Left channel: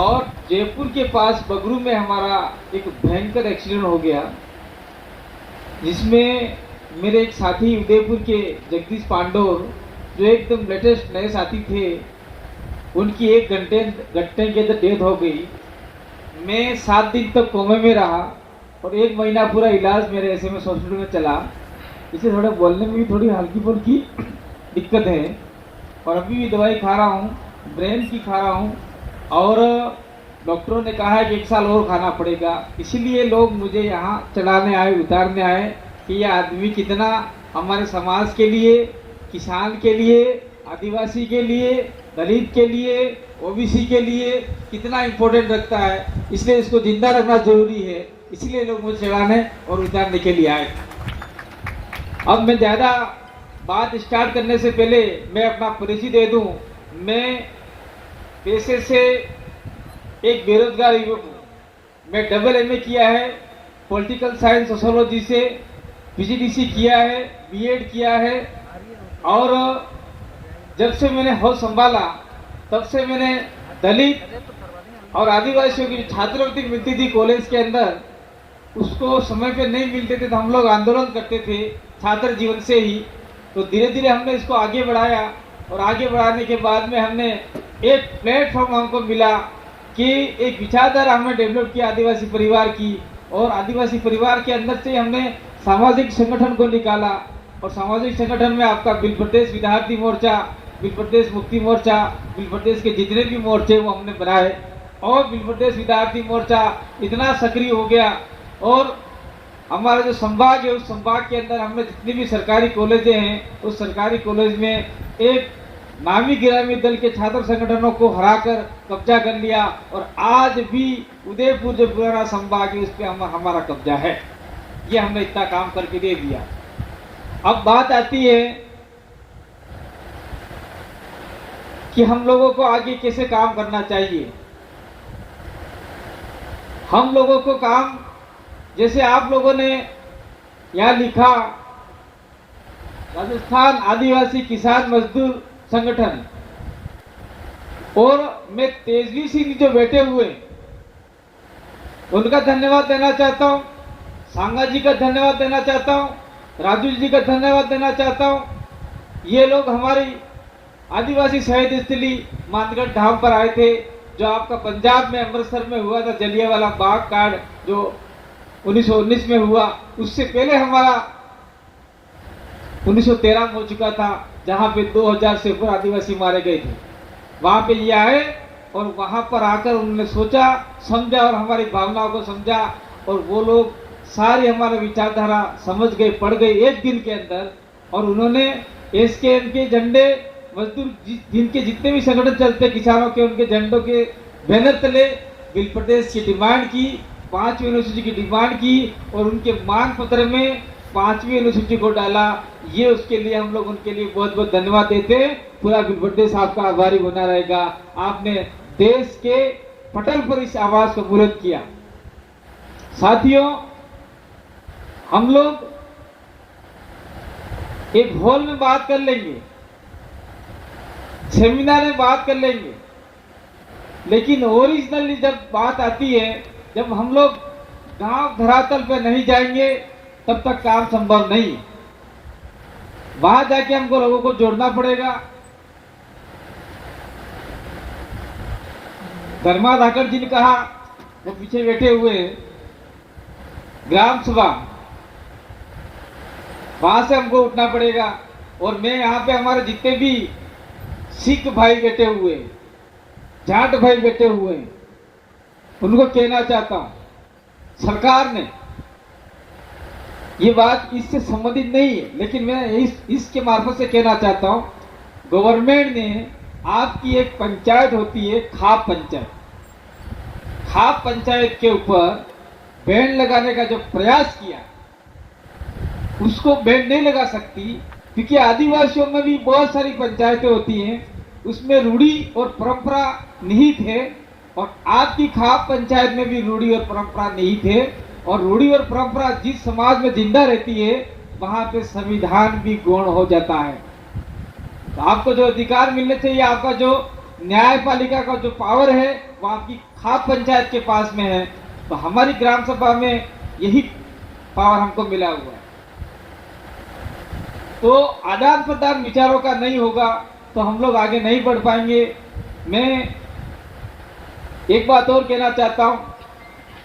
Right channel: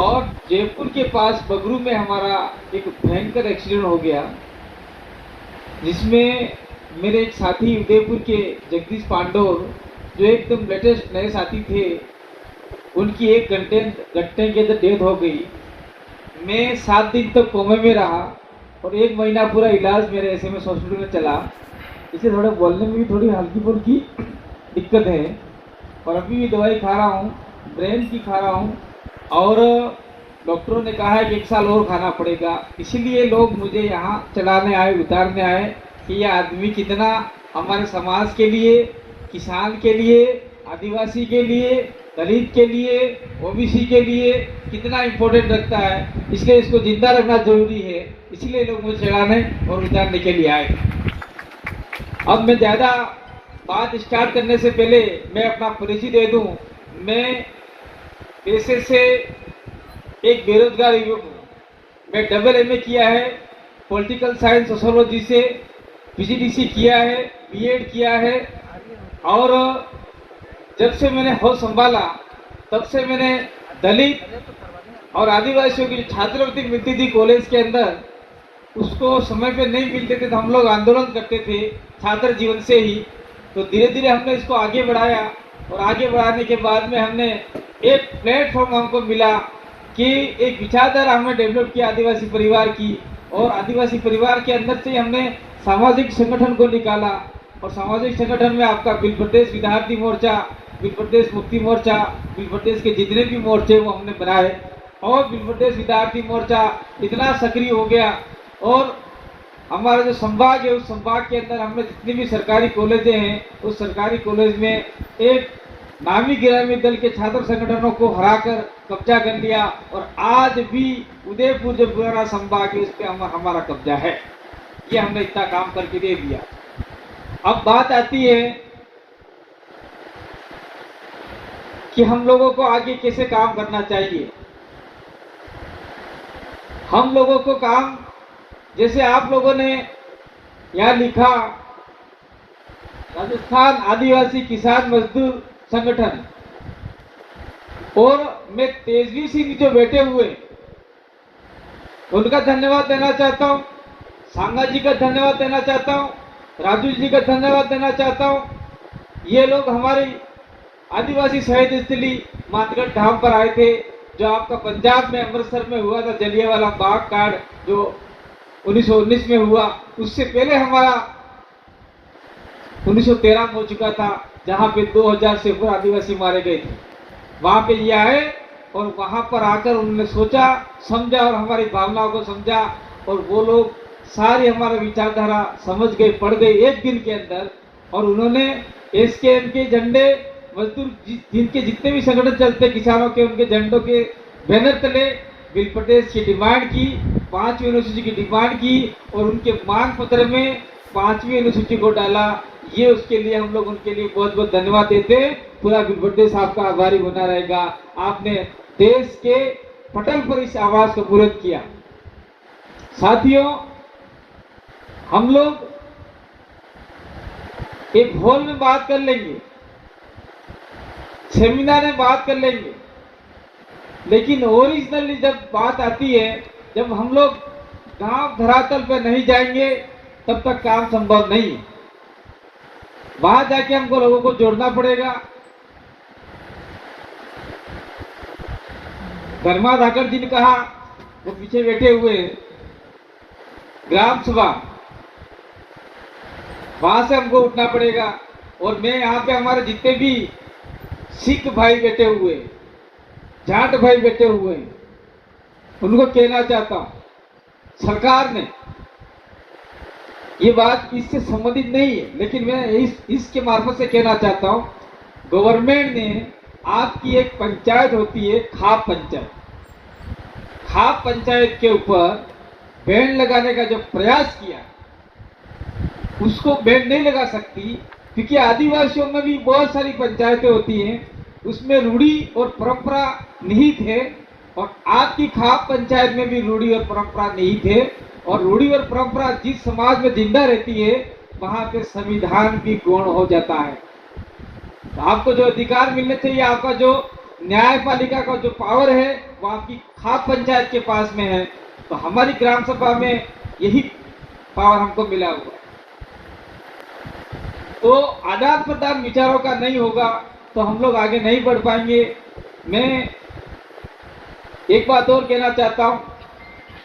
और जयपुर के पास बगरू में हमारा एक भयंकर एक्सीडेंट हो गया, जिसमें मेरे एक साथी उदयपुर के जगदीश पांडोर, जो एकदम लेटेस्ट नए साथी थे, उनकी 1 घंटे के अंदर डेथ हो गई। मैं 7 दिन तक कोमे में रहा और 1 महीना पूरा इलाज मेरे SMS हॉस्पिटल में चला। इसे थोड़ा बोलने में भी थोड़ी हल्की फुल्की दिक्कत है और अभी भी दवाई खा रहा हूँ, ब्रेन की खा रहा हूँ और डॉक्टरों ने कहा है कि 1 साल और खाना पड़ेगा। इसीलिए लोग मुझे यहाँ चलाने आए, उतारने आए कि ये आदमी कितना हमारे समाज के लिए, किसान के लिए, आदिवासी के लिए, दलित के लिए, OBC के लिए कितना इम्पोर्टेंट रखता है। इसलिए इसको जिंदा रखना जरूरी है, इसलिए लोग मुझे चलाने और उतारने के लिए आए। अब मैं ज्यादा बात स्टार्ट करने से पहले मैं अपना परिचय दे दूं। मैं पेशे से एक बेरोजगार युवक हूँ। मैं MA किया है, पॉलिटिकल साइंस सोशोलॉजी से, PGDC किया है, B.Ed किया है और जब से मैंने होश संभाला तब से मैंने दलित और आदिवासियों की छात्रवृत्ति मिलती थी कॉलेज के अंदर, उसको समय पे नहीं मिलते थे तो हम लोग आंदोलन करते थे छात्र जीवन से ही। तो धीरे धीरे हमने इसको आगे बढ़ाया और आगे बढ़ाने के बाद में हमने एक प्लेटफॉर्म हमको मिला कि एक विचारधारा हमने डेवलप किया आदिवासी परिवार की, और आदिवासी परिवार के अंदर से हमने सामाजिक संगठन को निकाला। और सामाजिक संगठन में आपका बिल प्रदेश विद्यार्थी मोर्चा, बिल प्रदेश मुक्ति मोर्चा, बिल प्रदेश के जितने भी मोर्चे वो हमने बनाए और बिल प्रदेश विद्यार्थी मोर्चा इतना सक्रिय हो गया। और हमारा जो संभाग है उस संभाग के अंदर हमने जितने भी सरकारी कॉलेजें हैं उस सरकारी कॉलेज में एक नामी गिरामी दल के छात्र संगठनों को हराकर कब्जा कर लिया और आज भी उदयपुर जो पुराना संभाग है उस पर हमारा कब्जा है। ये हमने इतना काम करके दे दिया। अब बात आती है कि हम लोगों को आगे कैसे काम करना चाहिए। हम लोगों को काम, जैसे आप लोगों ने यहाँ लिखा, राजस्थान आदिवासी किसान मजदूर संगठन, और मैं तेजवी सिंह जो बैठे हुए उनका धन्यवाद देना चाहता हूँ, सांगा जी का धन्यवाद देना चाहता हूँ, राजू जी का धन्यवाद देना चाहता हूँ। ये लोग हमारी आदिवासी शहीद स्थली मानगढ़ धाम पर आए थे, जो आपका पंजाब में अमृतसर में हुआ था जलियांवाला बाग कांड जो 1919 में हुआ। उससे पहले हमारा 1913 में हो चुका था, जहां पे 2000 से ऊपर आदिवासी मारे गए थे। वहां पे ये आए और वहां पर आकर उन्होंने सोचा, समझा और हमारी भावनाओं को समझा और वो लोग सारी हमारा विचारधारा समझ गए, पढ़ गए 1 दिन के अंदर। और उन्होंने SKM के झंडे, मजदूर जिनके जितने भी संगठन चलते किसानों के, उनके झंडों के बैनर तले बिल प्रदेश की डिमांड की, 5वीं अनुसूची की डिमांड की और उनके मांग पत्र में 5वीं अनुसूची को डाला। ये उसके लिए हम लोग उनके लिए बहुत बहुत धन्यवाद देते हैं। पूरा बिल प्रदेश आपका आभारी बना रहेगा। आपने देश के पटल पर इस आवाज को बुलंद किया। साथियों, हम लोग एक हॉल में बात कर लेंगे, सेमिनार में बात कर लेंगे, लेकिन ओरिजिनली जब बात आती है, जब हम लोग गांव धरातल पर नहीं जाएंगे तब तक काम संभव नहीं। वहां जाके हमको लोगों को जोड़ना पड़ेगा। धर्मा धाकड़ जी ने कहा, वो पीछे बैठे हुए ग्राम सभा, वहां से हमको उठना पड़ेगा। और मैं यहाँ पे हमारे जितने भी सिख भाई बैठे हुए, जाट भाई बैठे हुए, उनको कहना चाहता हूं, सरकार ने ये बात इससे संबंधित नहीं है, लेकिन मैं इसके मार्फत से कहना चाहता हूं, गवर्नमेंट ने आपकी एक पंचायत होती है खाप पंचायत, खाप पंचायत के ऊपर बैन लगाने का जो प्रयास किया उसको बैन नहीं लगा सकती, क्योंकि आदिवासियों में भी बहुत सारी पंचायतें होती हैं, उसमें रूढ़ी और परंपरा निहित है। और आपकी खाप पंचायत में भी रूढ़ी और परंपरा निहित है। और रूढ़ी और परंपरा जिस समाज में जिंदा रहती है वहां पे संविधान भी गौण हो जाता है। तो आपको जो अधिकार मिलने चाहिए, आपका जो न्यायपालिका का जो पावर है वो आपकी खाप पंचायत के पास में है, तो हमारी ग्राम सभा में यही पावर हमको मिला हुआ है। तो आदान प्रदान विचारों का नहीं होगा तो हम लोग आगे नहीं बढ़ पाएंगे। मैं एक बात और कहना चाहता हूं,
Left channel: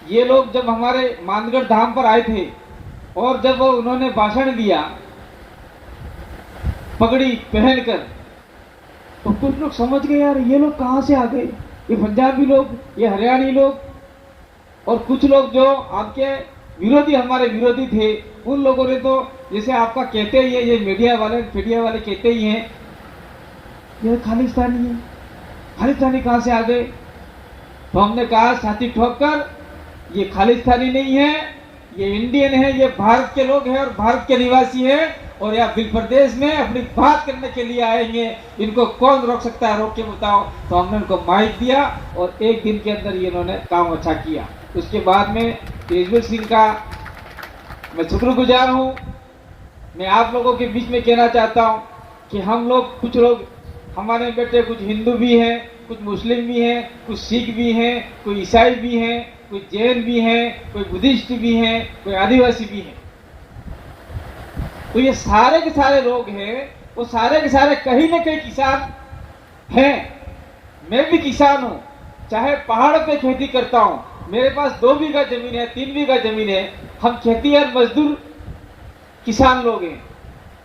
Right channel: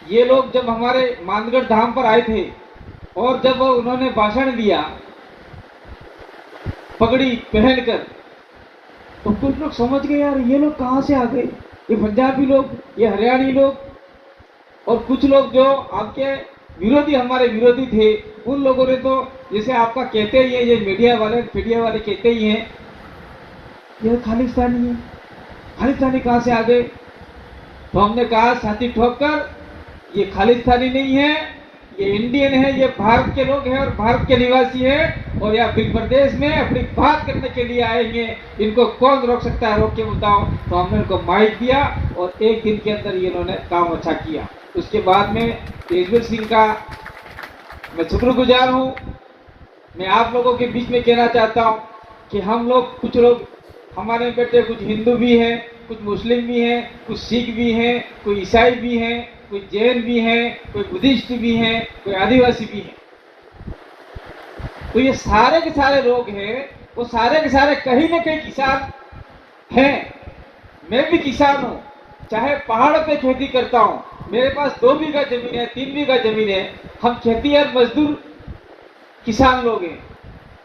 ये लोग जब हमारे मानगढ़ धाम पर आए थे और जब उन्होंने भाषण दिया पगड़ी पहनकर, तो कुछ लोग समझ गए यार ये लोग कहां से आ गए, ये पंजाबी लोग, ये हरियाणी लोग, और कुछ लोग जो आपके विरोधी, हमारे विरोधी थे, उन लोगों ने तो जैसे आपका कहते ही है, ये मीडिया वाले कहते ही हैं ये खालिस्तानी है, खालिस्तानी कहां से आ गए। तो हमने कहा छाती ठोककर ये खालिस्तानी नहीं है, ये इंडियन है, ये भारत के लोग हैं और भारत के निवासी हैं और यहाँ बिल प्रदेश में अपनी बात करने के लिए आएंगे, इनको कौन रोक सकता है, रोक के बताओ। तो हमने उनको माइक दिया और एक दिन के अंदर ये इन्होंने काम अच्छा किया। उसके बाद में तेजवीर सिंह का मैं शुक्रगुजार हूँ। मैं आप लोगों के बीच में कहना चाहता हूँ कि हम लोग, कुछ लोग हमारे बेटे कुछ हिंदू भी हैं, कुछ मुस्लिम भी हैं, कुछ सिख भी हैं, कोई ईसाई भी हैं, कोई जैन भी हैं, कोई बुद्धिस्ट भी हैं, कोई आदिवासी भी हैं। तो ये सारे के सारे लोग हैं, वो सारे के सारे कहीं ना कहीं किसान हैं। मैं भी किसान हूँ, चाहे पहाड़ पे खेती करता हूँ, मेरे पास 2 बीघा जमीन है, 3 बीघा जमीन है, हम खेतीहर मजदूर किसान लोग हैं।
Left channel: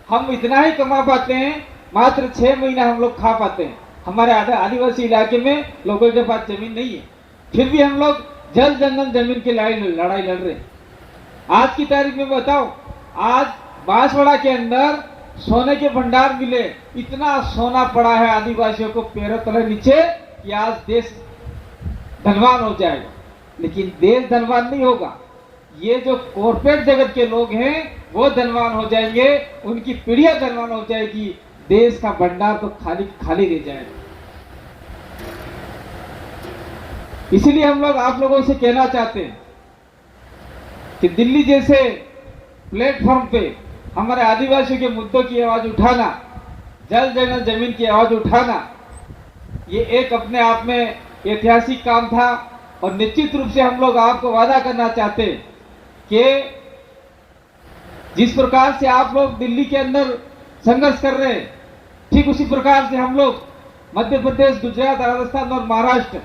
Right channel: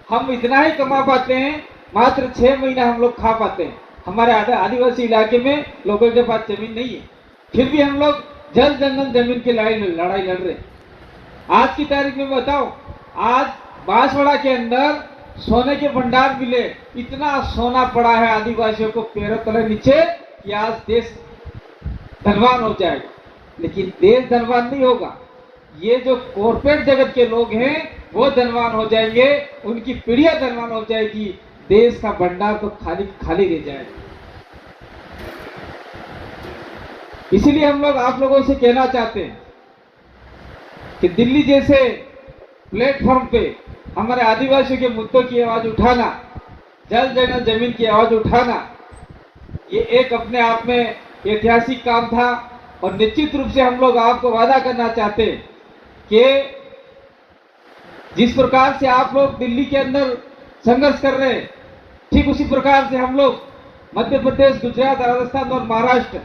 हम इतना ही कमा पाते हैं, मात्र 6 महीना हम लोग खा पाते हैं। हमारे आदिवासी इलाके में लोगों के पास जमीन नहीं है, फिर भी हम लोग जल जंगल जमीन की लड़ाई लड़ रहे। आज की तारीख में बताओ, आज बांसवाड़ा के अंदर सोने के भंडार मिले, इतना सोना पड़ा है आदिवासियों को पैरों तले नीचे कि आज देश धनवान हो जाएगा। लेकिन देश धनवान नहीं होगा, ये जो कॉर्पोरेट जगत के लोग हैं वो धनवान हो जाएंगे, उनकी पीढ़ियां धनवान हो जाएगी, देश का भंडार तो खाली खाली रह जाएगा। इसीलिए हम लोग आप लोगों से कहना चाहते हैं कि दिल्ली जैसे प्लेटफॉर्म पे हमारे आदिवासियों के मुद्दों की आवाज उठाना, जल जंगल जमीन की आवाज उठाना, ये एक अपने आप में ऐतिहासिक काम था। और निश्चित रूप से हम लोग आपको वादा करना चाहते हैं कि जिस प्रकार से आप लोग दिल्ली के अंदर संघर्ष कर रहे हैं, ठीक उसी प्रकार से हम लोग मध्य प्रदेश, गुजरात, राजस्थान और महाराष्ट्र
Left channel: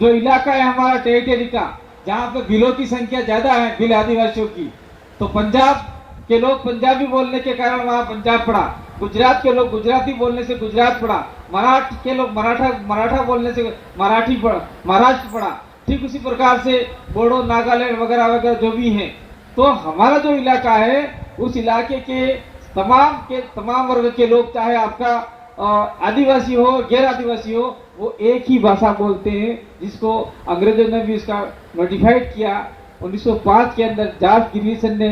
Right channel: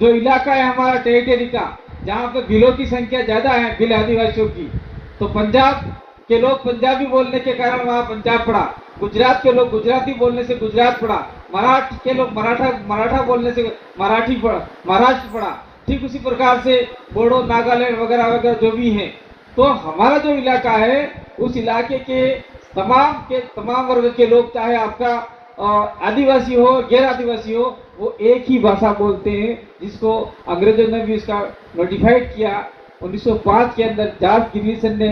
जो इलाका है हमारा टेरिटरी का, जहाँ पे भीलों की संख्या ज्यादा है, भील आदिवासियों की, तो पंजाब के लोग पंजाबी बोलने के कारण वहाँ पंजाब पड़ा, गुजरात के लोग गुजराती बोलने से गुजरात पड़ा, मराठ के लोग मराठा बोलने से मराठी पड़ा, महाराष्ट्र पड़ा। ठीक उसी प्रकार से बोडो, नागालैंड वगैरह वगैरह जो भी हैं। तो हमारा जो इलाका है उस इलाके के तमाम वर्ग के लोग, चाहे आपका आदिवासी हो, गैर आदिवासी हो, वो एक ही भाषा बोलते हैं, जिसको अंग्रेजों ने भी इसका नोटिफाइड किया। 1905 के अंदर जॉर्ज गिरिसन ने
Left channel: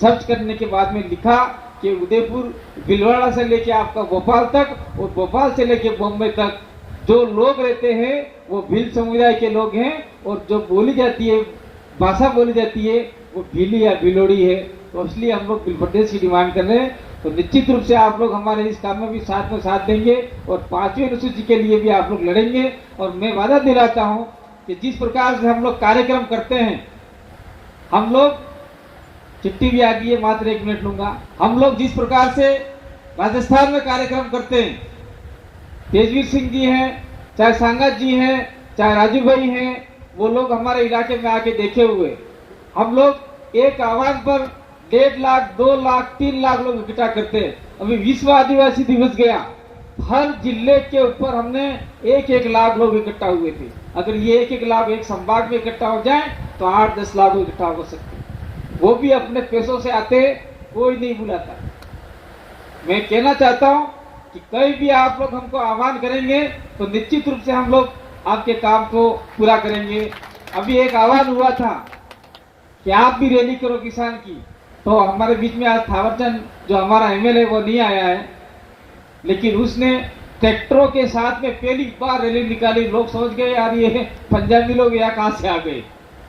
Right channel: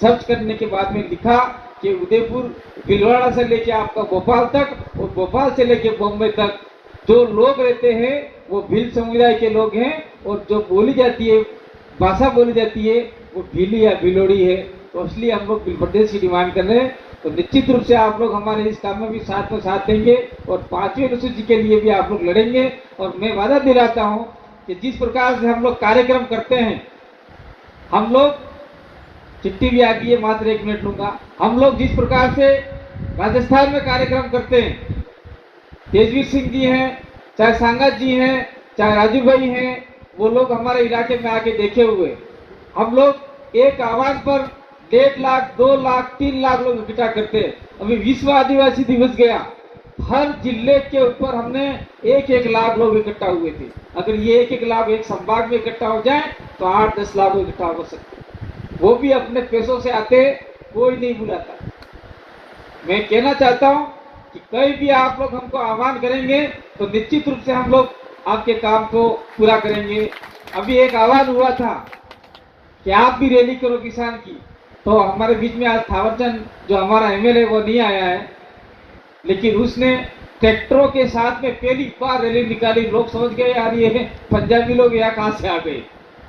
सर्च करने के बाद में लिखा कि उदयपुर, भीलवाड़ा से लेके आपका भोपाल तक और भोपाल से लेके बॉम्बे तक जो लोग रहते हैं वो भील समुदाय के लोग हैं, और जो बोली जाती है, भाषा बोली जाती है, वो भीली या भीलोड़ी है। तो इसलिए हम लोग बिल प्रदेश की डिमांड कर रहे हैं। तो निश्चित रूप से आप लोग हमारे इस काम में भी साथ देंगे और 5वीं अनुसूची के लिए भी आप लोग लड़ेंगे। और मैं वादा दिलाता हूं कि जिस प्रकार से हम लोग कार्यक्रम करते हैं, हम लोग, चिट्ठी भी आ गई है, मात्र 1 मिनट लूंगा, हम लोग जिस प्रकार से राजस्थान में कार्यक्रम करते हैं, तेजवीर सिंह जी हैं, चाहे सांगत जी हैं, चाहे राजू भाई हैं, वो लोग हमारे इलाके में आके देखे हुए। हम लोग एक आह्वान पर 1.5 लाख, 2 लाख, 3 लाख लोग इकट्ठा करते हैं। अभी विश्व आदिवासी दिवस गया, हर जिले के ऊपर हमने 1-1 लाख लोग इकट्ठा हुए थे। अगर ये 1-1 लाख एक संभाग में इकट्ठा हो जाए तो 8-10 लाख लोग इकट्ठा हो सकते, वो भी अपने पैसों से आते, कोई नहीं बुलाता। मैं कहना चाहता हूँ कि कहीं भी आप लोग हमको आह्वान करेंगे तो निश्चित रूप से हम लोग आपके काम को पूरा करेंगे। अभी एक आह्वान हुआ था कि आप भी रैली करो किसान की, तो हमारे बीच में आज थावरचंद जो हमारा एमएलए वो नहीं आया है, लेकिन उसने ट्रैक्टरों के साथ में पहली बार रैली निकाली। लोग समझ गए यार ये पंजाबी लोग यहाँ कहाँ से आ गए,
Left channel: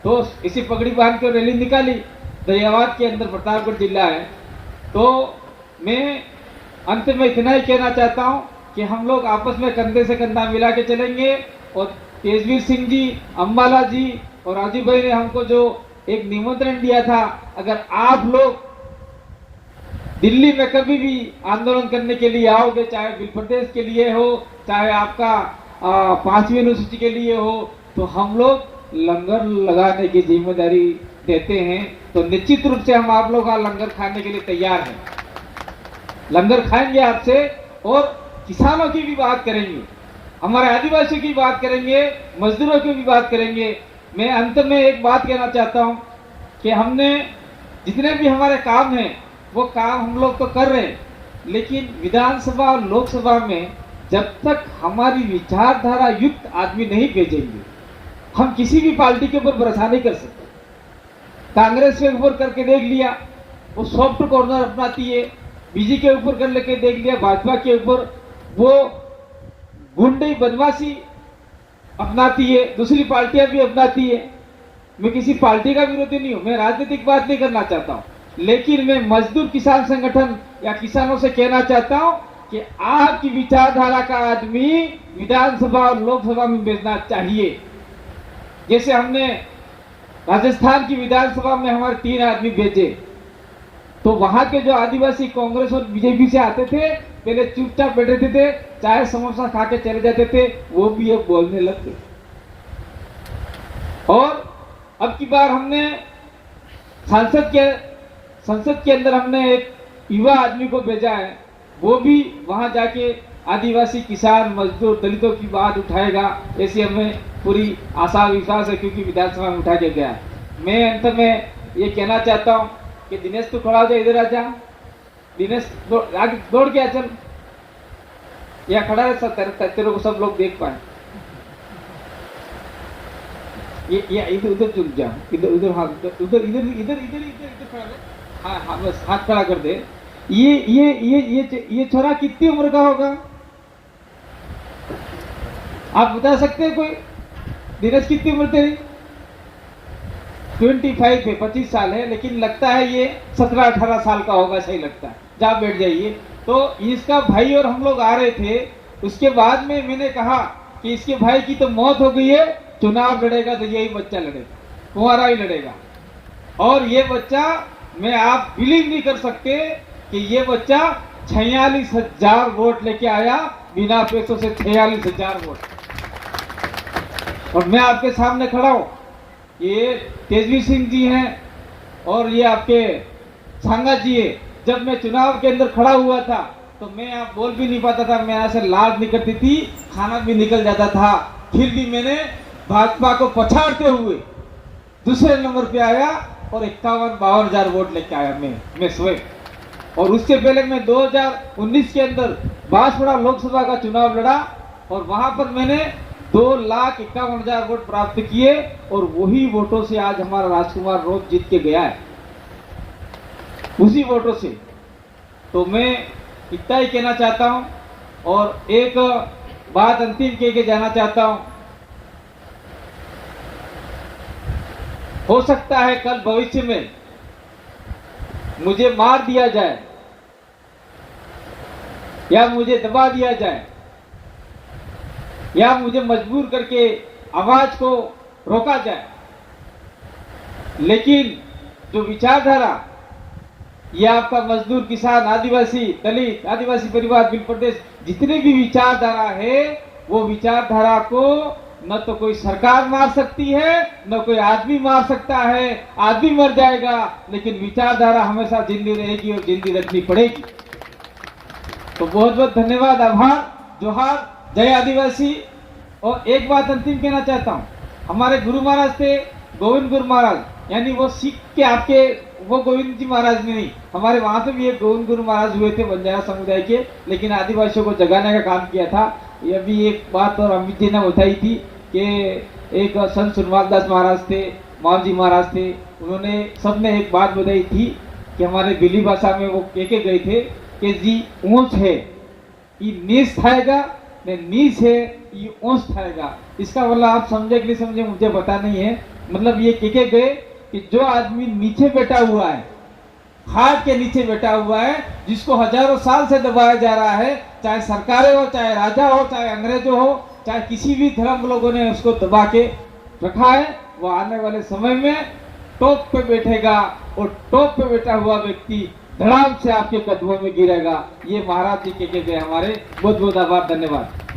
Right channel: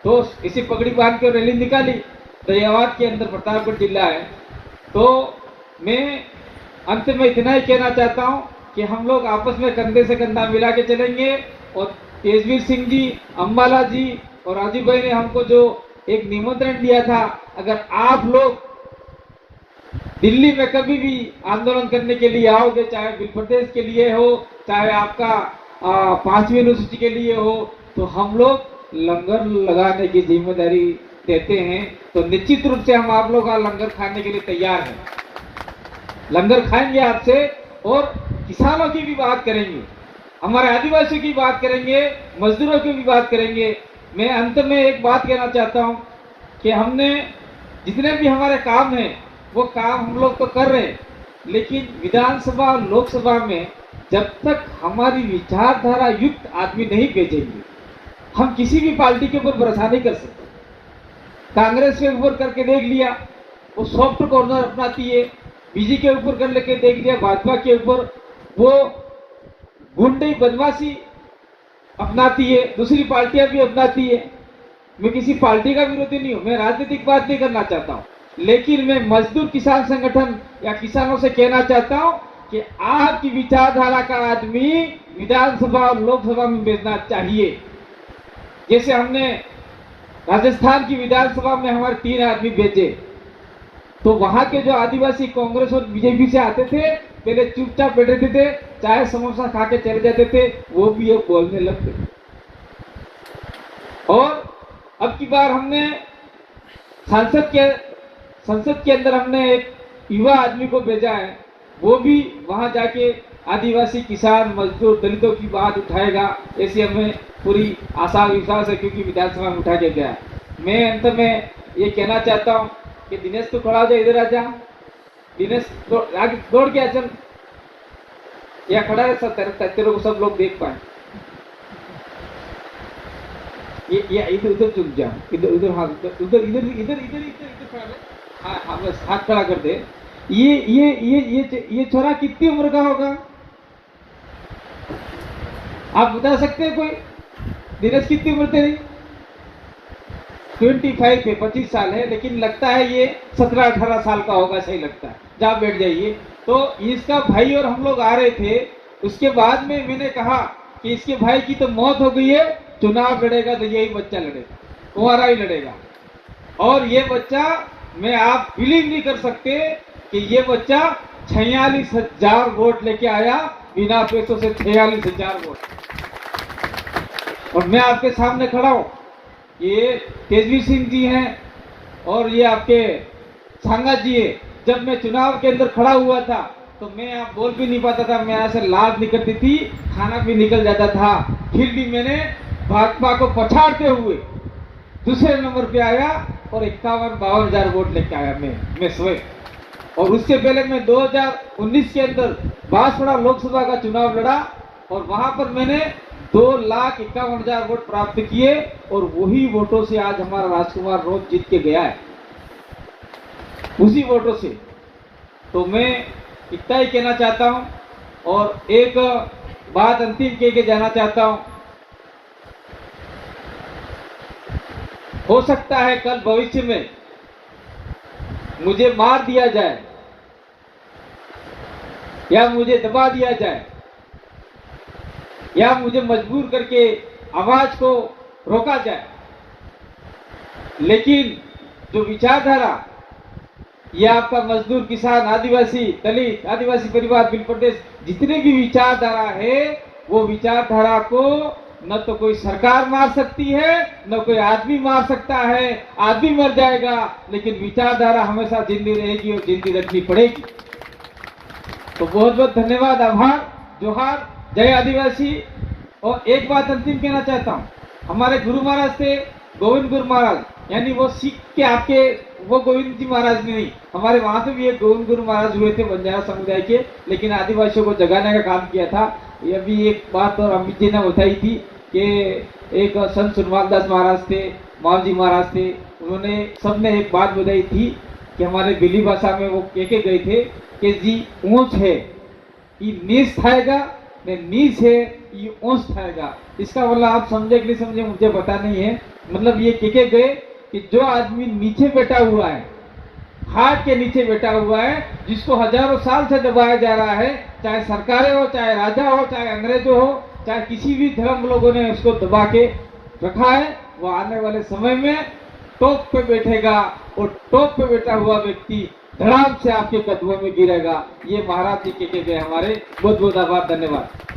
तो इसी पगड़ी बांध के रैली निकाली। दरियावाद के अंदर प्रतापगढ़ जिला है। तो मैं अंत में इतना ही कहना चाहता हूँ कि हम लोग आपस में कंधे से कंधा मिला के चलेंगे। और तेजवीर सिंह जी, अम्बाला जी और राजीव भाई ने हमको जो एक निमंत्रण दिया था, अगर आप लोग दिल्ली में कभी भी आंदोलन करने के लिए आओगे, चाहे बिल प्रदेश के लिए हो, चाहे आपका 5वीं अनुसूची के लिए हो, तो हम लोग लंगर लगाने की जिम्मेदारी देते हैं। तो निश्चित रूप से हम आप लोग का लंगर खाने के लिए तैयार हैं। लंगर खाएंगे आपसे और किसानों की भी बात करेंगे, हमारे आदिवासियों की बात करेंगे, मजदूरों की भी बात करेंगे। मैं अंत में एक बात कहना चाहता हूं कि हमने जितने भी हमारे काम हैं वो काम हम लोग तो कर रहे हैं, लेकिन विधानसभा और लोकसभा में जब तक हमारी विचारधारा युक्त आदमी नहीं भेजेंगे, हम किसी भी पार्टी के ऊपर भरोसा नहीं कर सकते। कांग्रेस के ऊपर करके देख लिया, वो सॉफ्ट कॉर्नर अपनाती है। बीजेपी के ऊपर कर लेके देख लिया, भाजपा के ऊपर वो गुंडे बदमाशी अपनाती है, दूसरी पार्टियां भी अपनाती है। मैं किसी पार्टी का विरोधी नहीं हूं, मैं राजनीतिक बात नहीं करना चाहता हूं, लेकिन मैं मजदूर किसान संगठन या किसानों से कहना चाहता हूं कि आपकी विचारधारा का आदमी विधानसभा और लोकसभा में भेजना चाहिए। जैसे हमने राजस्थान की विधानसभा में हमारे 3 आदमी भेजे, तो वहां के जो आदिवासी कांग्रेस और बीजेपी से आते थे, पहले चुपचाप बैठे थे, चाहे समोसा खा के चले जाते थे, वो भी अब बोलने लगते। और अब की बार हमने संसद के अंदर हमने एक युवा आदमी को भेजा है, वो भी वहां जाके आदिवासी किसान मजदूर दलितों की बात उठाएगा, ऐसी हमें पूरी आशा विश्वास है, क्योंकि विधानसभा में उठा के गया। मैं अंत में ये कहना चाहता हूँ कि दिनेश तो थोड़ा दे इधर आ जा, दिनेश दौड़ के आ चल, या खड़ा है सब तेरे को सब लोग देख पाए। ये इधर उधर चुक जा, इधर उधर हाथ उधर इधर इधर इधर इधर खड़ा है, हाँ बस हाथ खड़ा कर दे। ये छोरा कितनी उम्र का होगा आप बता सकते हैं कोई? दिनेश कितनी उम्र तेरी? 25 है, 25 साल है, लेकिन लगता है ये 17-18 साल का होगा, सही लगता है। जा बैठ जाइए। तो इसका भाई और हम लोग आ रहे थे, उसके बाद में मैंने कहा कि इसके भाई की तो मौत हो गई है, चुनाव लड़ेगा तो यही बच्चा लड़ेगा, तुम्हारा ही लड़ेगा। और ये बच्चा, मैं आप बिलीव नहीं कर सकते कि ये बच्चा 46,000 वोट लेके आया, बिना पैसों से 46,000 वोट। और मैं आपके सामने खड़ा हूं, ये तेजवीर सिंह जी हैं और ये आपके सांगा जी है। जब मैं चुनाव के अंदर खड़ा हुआ था तो मैं आप बोल भी नहीं पाता था, मेरे से लात निकलती थी, खाना भी निकल जाता था, फिर भी मैंने भाजपा को पछाड़ते हुए दूसरे नंबर पे आया और 51-52 वोट लेके आया मैं स्वयं। और उससे पहले मैं 2019 के अंदर बांसवाड़ा लोकसभा का चुनाव लड़ा और वहां पर मैंने 2,51,000 वोट प्राप्त किए और वही वोटों से आज हमारा राजकुमार रोज जीत के गया है, उसी वोटों से। तो मैं इतना ही कहना चाहता हूं और एक बात अंतिम कह के जाना चाहता हूं। हो सकता है कल भविष्य में मुझे मार दिया जाए या मुझे दबा दिया जाए या मुझे मजबूर करके आवाज को रोका जाए, लेकिन जो विचारधारा ये आपका मजदूर किसान आदिवासी दलित आदिवासी परिवार बिल प्रदेश जितने भी विचारधारा है, वो विचारधारा को न तो कोई सरकार मार सकती है, न कोई आदमी मार सकता है। आदमी मर जाएगा लेकिन विचारधारा हमेशा जिंदी रहेगी और जिंदी रखनी पड़ेगी। तो बहुत बहुत धन्यवाद, आभार, जोहार, जय आदिवासी। और एक बात अंतिम कहना चाहता हूँ, हमारे गुरु महाराज थे गोविंद गुरु महाराज, यानी वो सीख के आपके वो गोविंद जी महाराज भी नहीं, हमारे वहां पे भी एक गोविंद गुरु महाराज हुए थे बंजारा समुदाय के, लेकिन आदिवासियों को जगाने का काम किया था। ये भी एक बात और अमित जी ने उठाई थी कि एक संत सुनवालदास महाराज थे, मावजी महाराज थे, उन्होंने सबने एक बात बताई थी कि हमारे बिली भाषा में वो कह गए थे कि जी ऊंच है ये नीच थाएगा, नीच है ये ऊंच थाएगा। इसका मतलब आप समझे कि नहीं समझे मुझे पता नहीं है, मतलब ये कह गए कि जो आदमी नीचे बैठा हुआ है, खाट के नीचे बैठा हुआ है, जिसको हजारों साल से दबाया जा रहा है, चाहे सरकारें हो, चाहे राजा हो, चाहे अंग्रेज हो, चाहे किसी भी धर्म लोगों ने उसको दबा के रखा है। वो आने वाले समय में टॉप पे बैठेगा और टॉप पे बैठा हुआ व्यक्ति धड़ाम से आपके कदमों में गिरेगा। ये महाराज जी के हमारे बहुत बहुत आभार, धन्यवाद।